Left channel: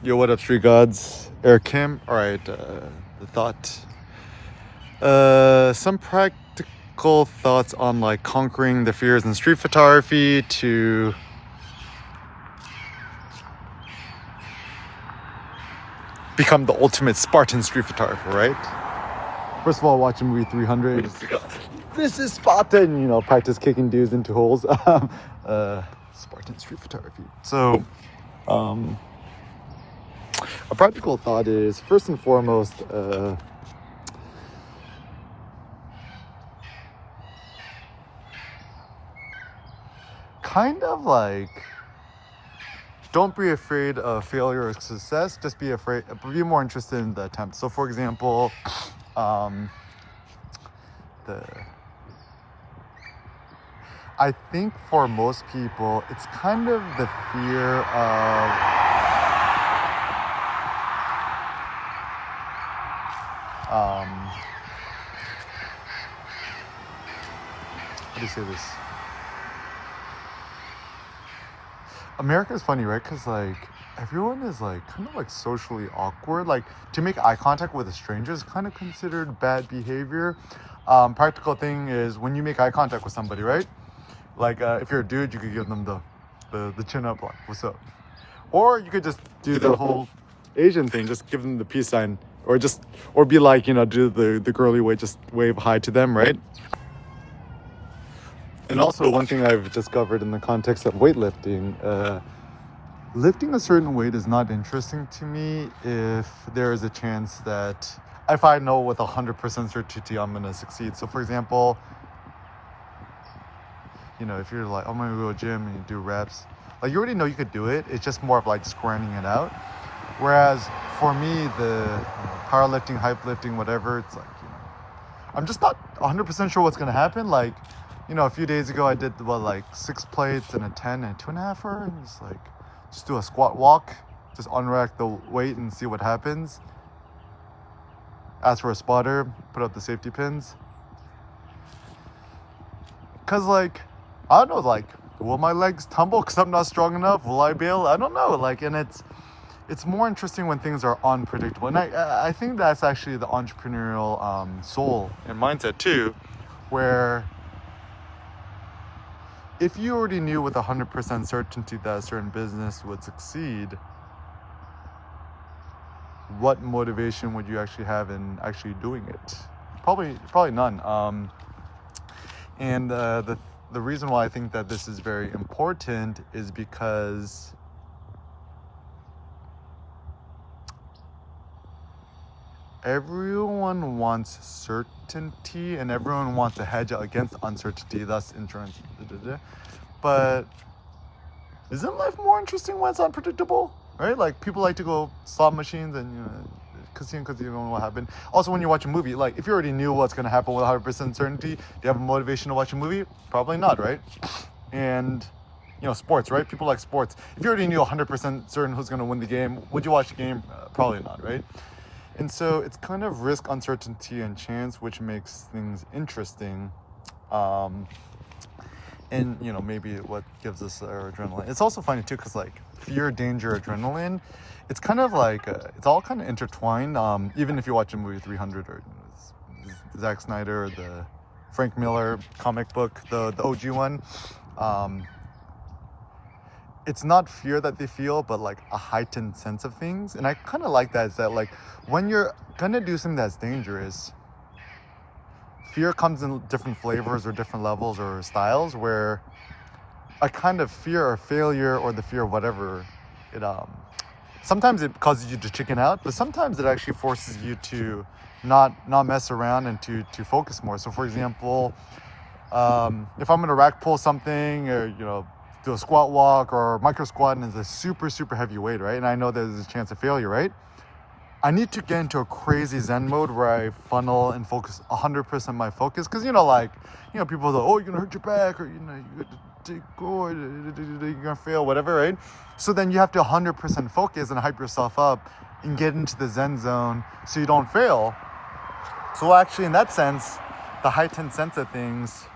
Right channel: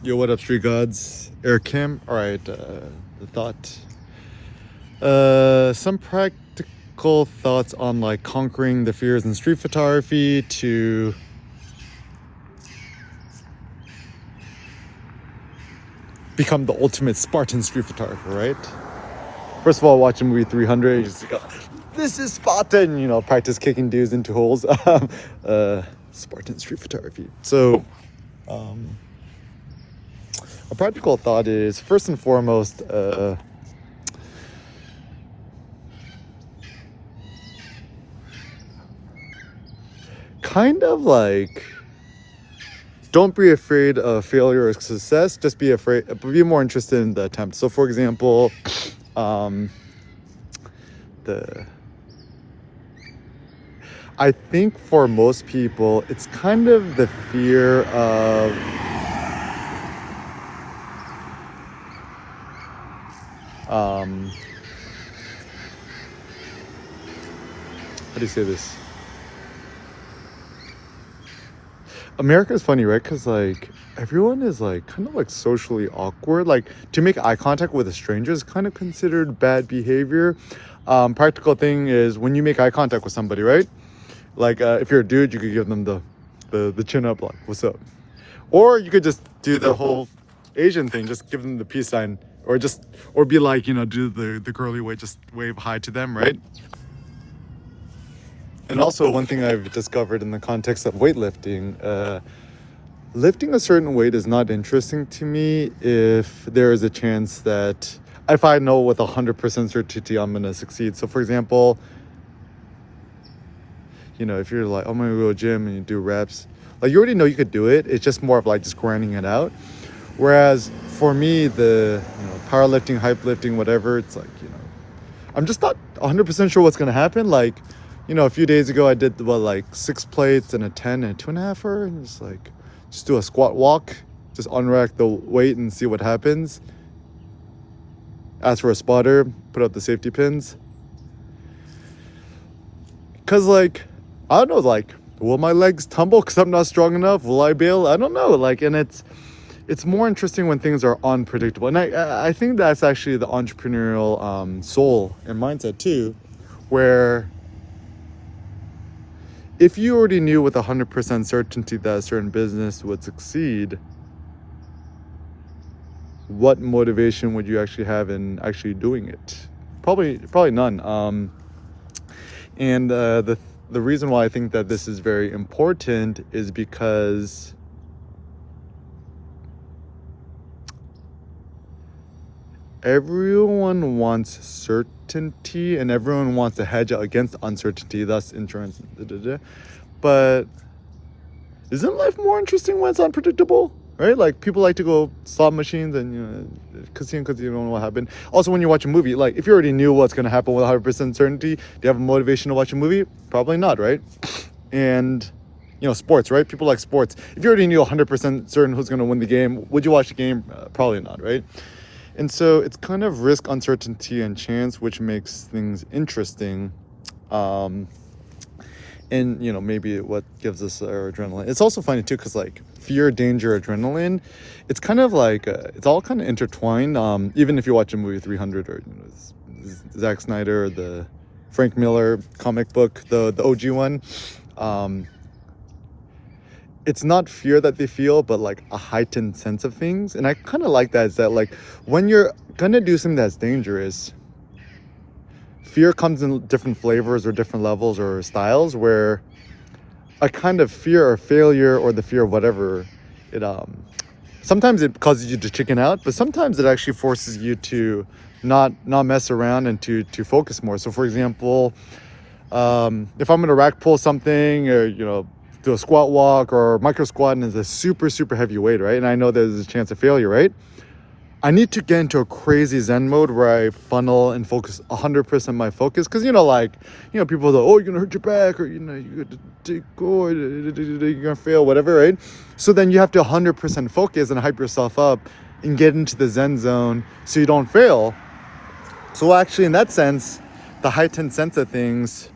Yo, what up, Street Gods? Eric Kim. All right, the thought. Some practical thoughts on like conquering the fears in street photography to become the ultimate Spartan street photographer, right? First of all, watch the movie 300. This is Spartan, practice kicking dudes into holes. Spartan street photography. So, a practical thought is first and foremost, kind of like don't be afraid of failure or success. Just be more interested in the attempt. So for example, I think for most people it's kind of the fear of how do you say this? America is funny, right? Because like everyone is like kind of like socially awkward. Like to make eye contact with a stranger is kind of considered bad behavior. Practical thing is when you make eye contact with somebody, right? Like if you're a dude, you could give them the chin up, like what's up, or you could just do the whole Asian thing, just give them the peace sign, or be like do the girly way, just wave hi to them, right? And also, one thing I've discovered in the context of weightlifting, lifting a certain weight is not interesting to me if there is a chance that if I know with 100% certainty I'm gonna succeed. So, for example, if you're like, oh, I'm gonna go to the gym and you do reps, like you already know you could do it. It's just more of like just grinding it out. Whereas for me, the powerlifting, hype lifting, whatever, it's like I'm just not 100% sure what's gonna happen. Like, a few days ago I did like 6 plates and a 10 and 2.5-er, and just do a squat walk, just unrack the weight and see what happens. Ask for a spotter, put up the safety pins. Cause like, I don't know, like, will my legs tumble because I'm not strong enough? Will I bail? I don't know. Like, and it's more interesting when things are unpredictable. And I think that's actually the entrepreneurial soul and mindset too, where if you already knew with 100% certainty that a certain business would succeed, what motivation would you actually have in actually doing it? Probably none. And the reason why I think that this is very important is because everyone wants certainty and everyone wants to hedge against uncertainty, thus insurance. But isn't life more interesting when it's unpredictable? Right? Like people like to go slot machines and casino because you don't know what happened. Also, when you watch a movie, like if you already knew what's going to happen with 100% certainty, do you have a motivation to watch a movie? Probably not, right? And sports, right? People like sports. If you already knew 100% certain who's going to win the game, would you watch the game? Probably not, right? And so it's kind of risk, uncertainty, and chance, which makes things interesting. And maybe what gives us our adrenaline. It's also funny too because like fear, danger, adrenaline, it's kind of like it's all kind of intertwined. Even if you watch a movie 300 or Zack Snyder or the Frank Miller comic book, the OG one, it's not fear that they feel, but like a heightened sense of things. And I kind of like that, is that like when you're gonna do something that's dangerous, fear comes in different flavors or different levels or styles, where a kind of fear or failure or the fear of whatever, it sometimes it causes you to chicken out, but sometimes it actually forces you to not mess around and to focus more. So for example, if I'm gonna rack pull something or do a squat walk or micro squat and it's a super heavy weight, right? And I know there's a chance of failure, right? I need to get into a crazy Zen mode where I funnel and focus 100% my focus. Because, people are, oh, you're going to hurt your back, or, you got to take, oh, you're going to fail, whatever, right? So then you have to 100% focus and hype yourself up and get into the Zen zone so you don't fail. So actually, in that sense, the heightened sense of things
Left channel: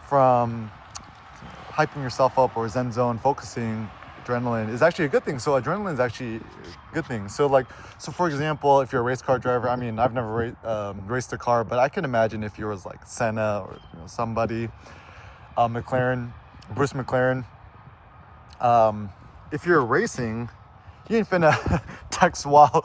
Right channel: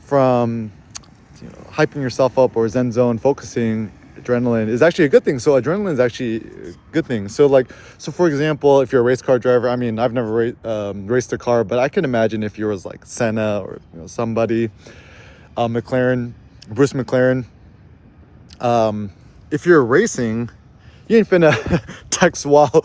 from hyping yourself up or Zen zone focusing adrenaline is actually a good thing. So adrenaline is actually a good thing. So like, so for example, if you're a race car driver, I mean, I've never raced a car, but I can imagine if you was like Senna or somebody, McLaren, Bruce McLaren. If you're racing, you ain't finna text while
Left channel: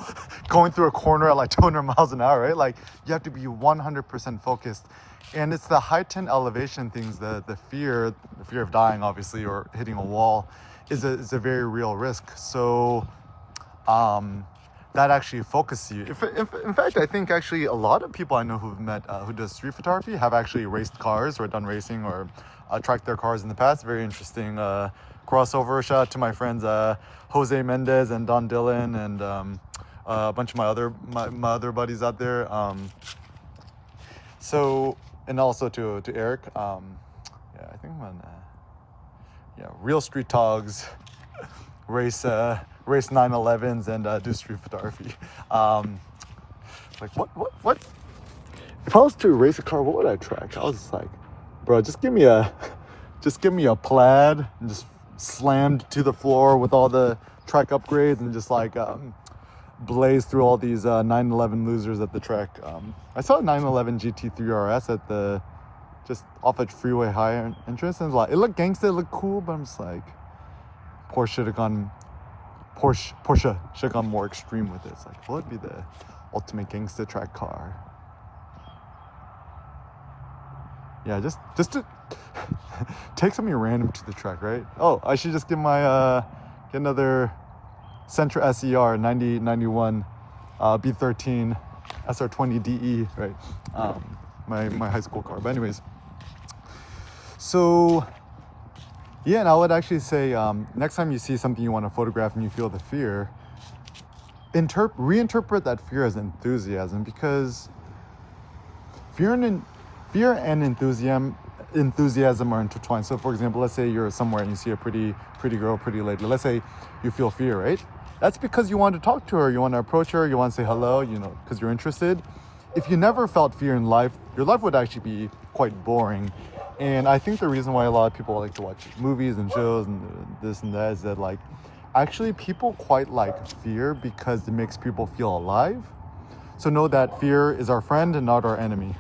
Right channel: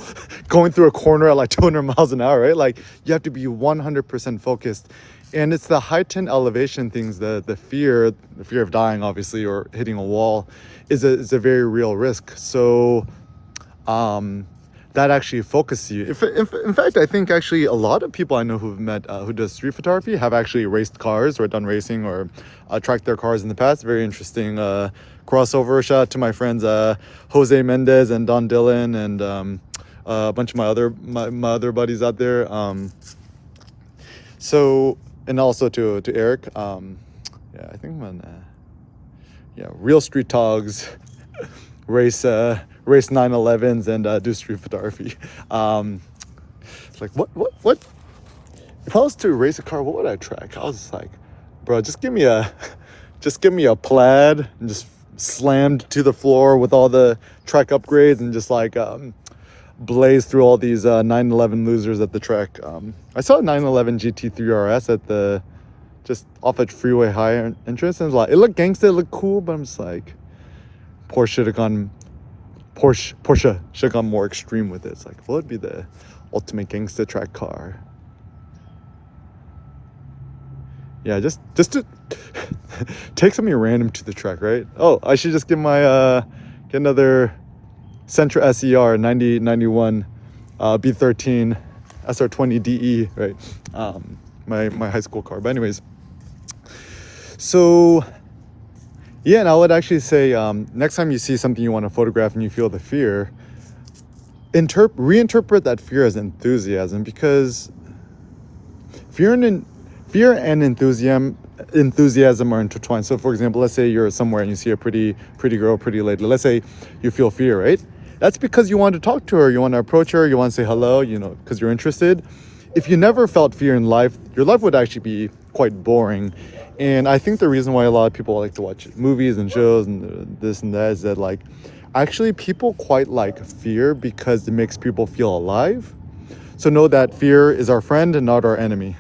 going through a corner at like 200 miles an hour, right? Like you have to be 100% focused. And it's the heightened elevation things, the fear of dying, obviously, or hitting a wall is a very real risk. So that actually focuses you. In fact, I think actually a lot of people I know who've met who does street photography have actually raced cars or done racing or tracked their cars in the past. Very interesting crossover. Shout out to my friends Jose Mendez and Don Dillon and a bunch of my other buddies out there. So, and also to Eric. Yeah, I think I'm on real street togs race 911s and do street photography. Like what if I was to race a car, what would I track? I was just like, bro, just give me a plaid and just slammed to the floor with all the track upgrades and just like blaze through all these 911 losers at the track. I saw a 911 GT3 RS at the just off at Freeway High entrance, and it looked gangsta, it looked cool, but I'm just like, Porsche should have gone more extreme with it. It's like, what would be the ultimate gangsta track car? Yeah, just to take something random to the track, right? Oh, I should just get my get another Sentra SER 9091 B13 SR20 DE, right? My high school car. But anyways, so yeah, and I would actually say next time you see something you want to photograph and you feel the fear, reinterpret that fear as enthusiasm, because fear and enthusiasm are intertwined. So for example, let's say you're somewhere and you see a pretty girl, pretty lady. Let's say you feel fear, right? That's because you want to talk to her, you want to approach her, you want to say hello, because you're interested. If you never felt fear in life, your life would actually be quite boring. And I think the reason why a lot of people like to watch movies and shows and this and that is that, like, actually people quite like fear because it makes people feel alive. So know that fear is our friend and not our enemy.